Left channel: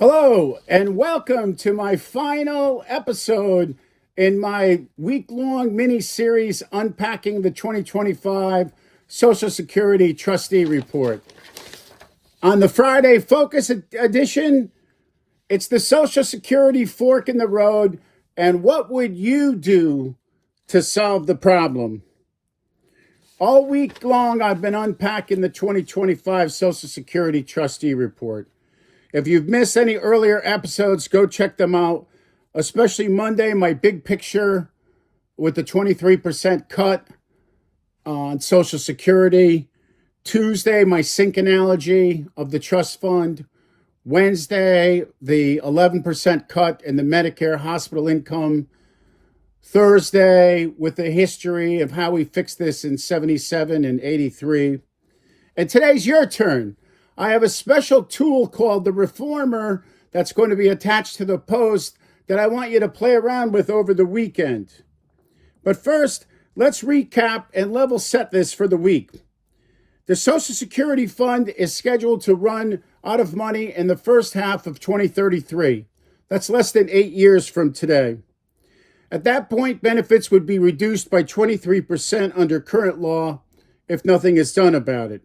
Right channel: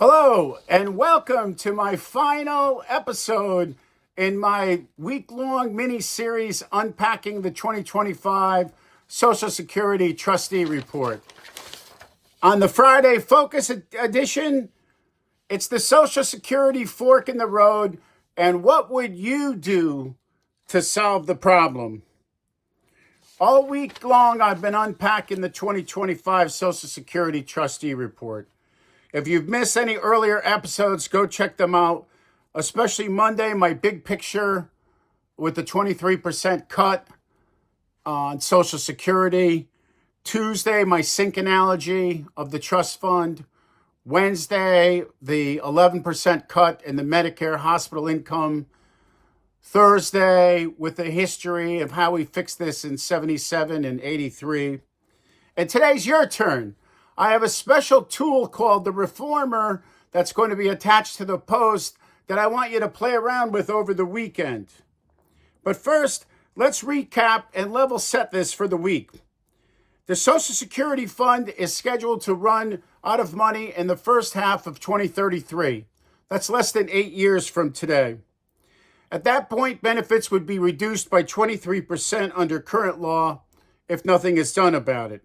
Hello, and welcome to my final episode in my week-long mini-series unpacking the 2025 Social Security Trustee Report. On the Friday Focus edition, it's the Social Security fork in the road, and what would you do to solve the problem? All week long, I've been unpacking the 2025 Social Security Trustee Report. If you've missed any earlier episodes, go check them out, especially Monday, my big picture with the 23% cut on Social Security. Tuesday, my sync analogy of the trust fund. Wednesday, the 11% cut in the Medicare hospital income. Thursday, with the history of how we fixed this in 77 and 83. And today's your turn. I have a special tool called the Reformer that's going to be attached to the post that I want you to play around with over the weekend. But first, let's recap and level set this for the week. The Social Security Fund is scheduled to run out of money in the first half of 2033. That's less than 8 years from today. At that point, benefits would be reduced by 23% under current law if nothing is done about it.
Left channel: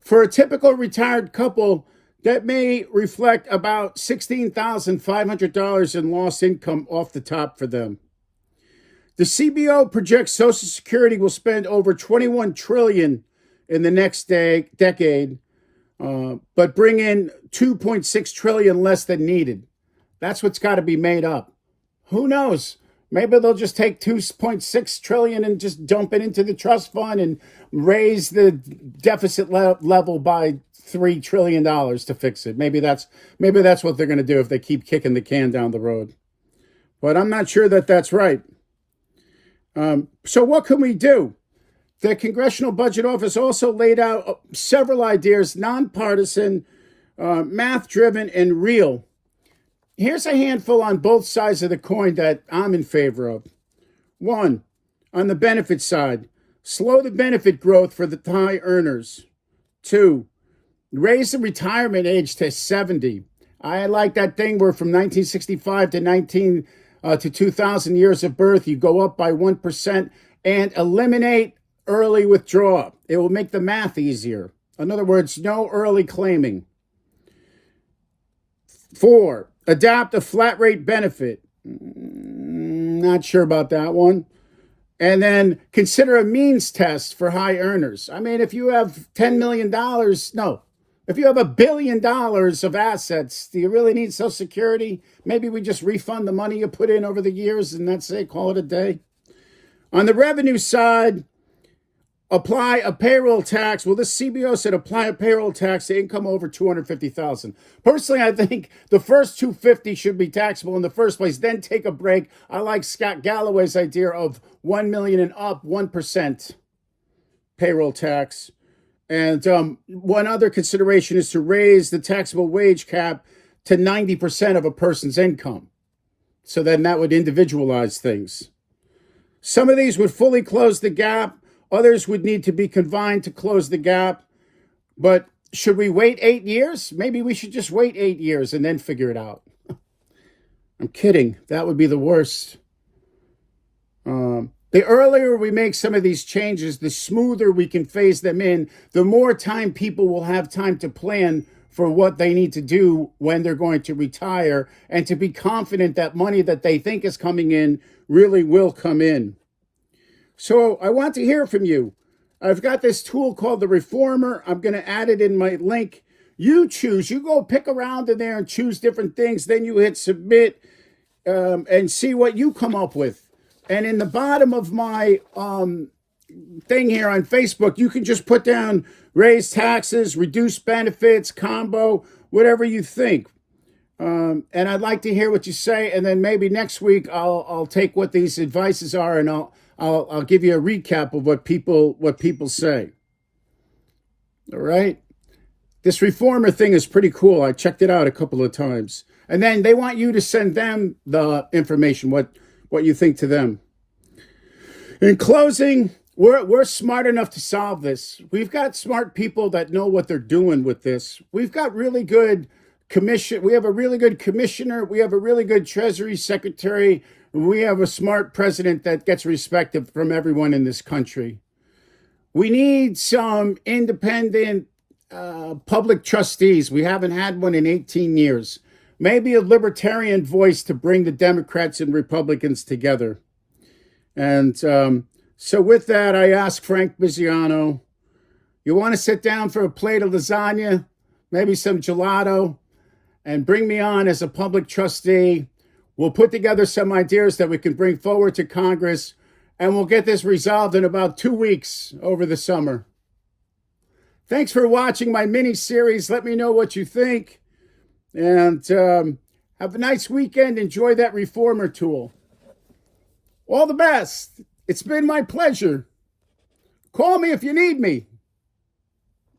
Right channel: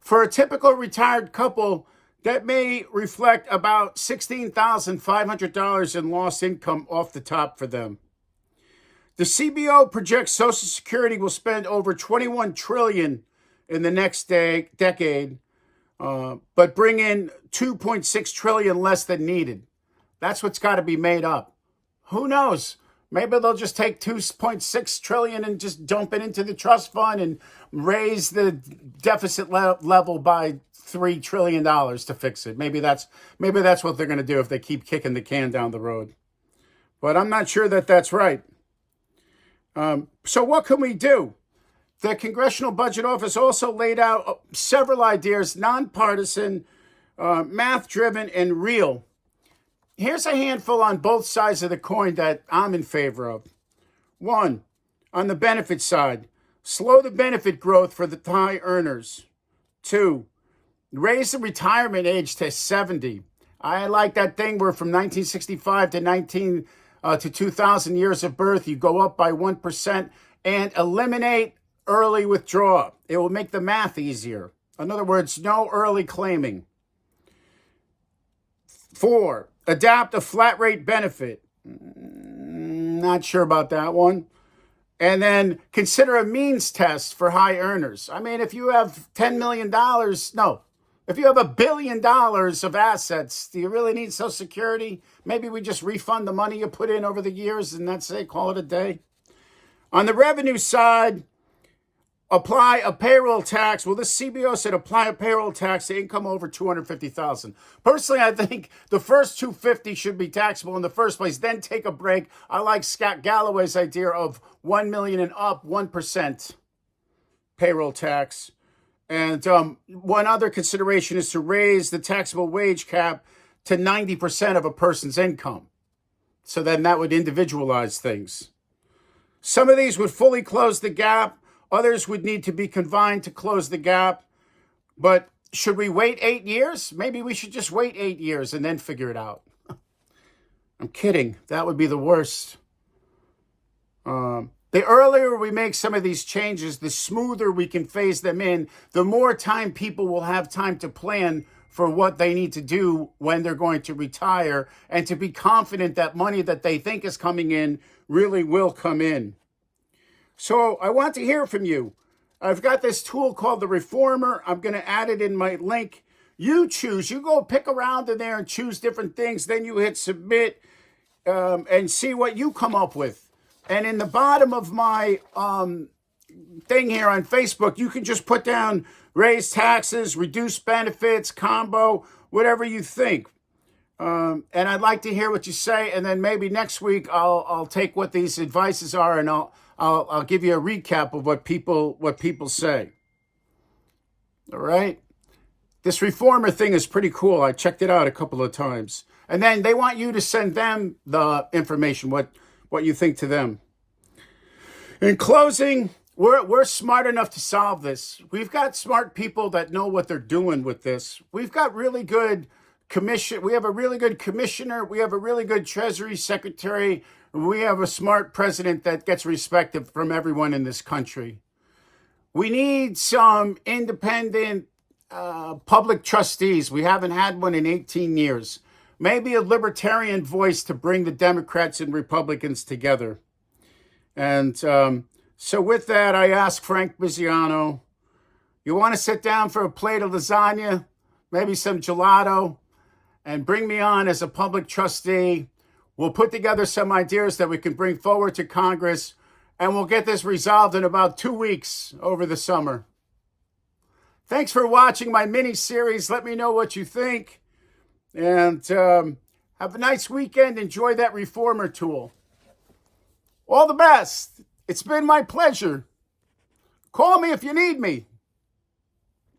For a typical retired couple, that may reflect about $16,500 in lost income off the top for them. The CBO projects Social Security will spend over $21 trillion in the next decade, but bring in $2.6 trillion less than needed. That's what's got to be made up. Who knows? Maybe they'll just take $2.6 trillion and just dump it into the trust fund and raise the deficit level by $3 trillion to fix it. Maybe that's what they're going to do if they keep kicking the can down the road. But I'm not sure that that's right. So what can we do? The Congressional Budget Office also laid out several ideas, nonpartisan, math-driven, and real. Here's a handful on both sides of the coin that I'm in favor of. One, on the benefit side, slow the benefit growth for the high earners. Two, raise the retirement age to 70. I like that thing where from 1965 to 2000 years of birth, you go up by 1% and eliminate early withdrawal. It will make the math easier. In other words, no early claiming. Four, adopt a flat rate benefit. Not sure about that one. And then consider a means test for high earners. I mean, if you have $10 million, if you have $1 billion of assets, do you really need Social Security? Maybe we just refund the money you put in over the years and that's it, call it a day. On the revenue side, apply a payroll tax. Well, this CBO said apply a payroll tax to income over $250,000. Personally, I think the first $250,000 should be taxable in the first place. Then take a break. I like Scott Galloway's idea of $1 million and up, 1% payroll tax. And one other consideration is to raise the taxable wage cap to 90% of a person's income. So then that would individualize things. Some of these would fully close the gap. Others would need to be confined to close the gap. But should we wait 8 years? Maybe we should just wait 8 years and then figure it out. I'm kidding. That would be the worst. The earlier we make some of these changes, the smoother we can phase them in, the more time people will have time to plan for what they need to do when they're going to retire and to be confident that money that they think is coming in really will come in. So I want to hear from you. I've got this tool called the Reformer. I'm going to add it in my link. You choose. You go pick around in there and choose different things. Then you hit submit and see what you come up with. And in the bottom of my thing here on Facebook, you can just put down raise taxes, reduce benefits, combo, whatever you think. And I'd like to hear what you say. And then maybe next week I'll take what these advices are and I'll give you a recap of what people say. All right. This Reformer thing is pretty cool. I checked it out a couple of times. And then they want you to send them the information, what you think to them. In closing, we're smart enough to solve this. We've got smart people that know what they're doing with this. We've got really good commission. We have a really good commissioner. We have a really good Treasury Secretary. We have a smart president that gets respected from everyone in this country. We need some independent public trustees. We haven't had one in 18 years. Maybe a libertarian voice to bring the Democrats and Republicans together. And so with that, I ask Frank Biziano, you want to sit down for a plate of lasagna, maybe some gelato, and bring me on as a public trustee. We'll put together some ideas that we can bring forward to Congress, and we'll get this resolved in about 2 weeks over the summer. Thanks for watching my mini-series. Let me know what you think. And have a nice weekend. Enjoy that reformer tool. All the best. It's been my pleasure. Call me if you need me.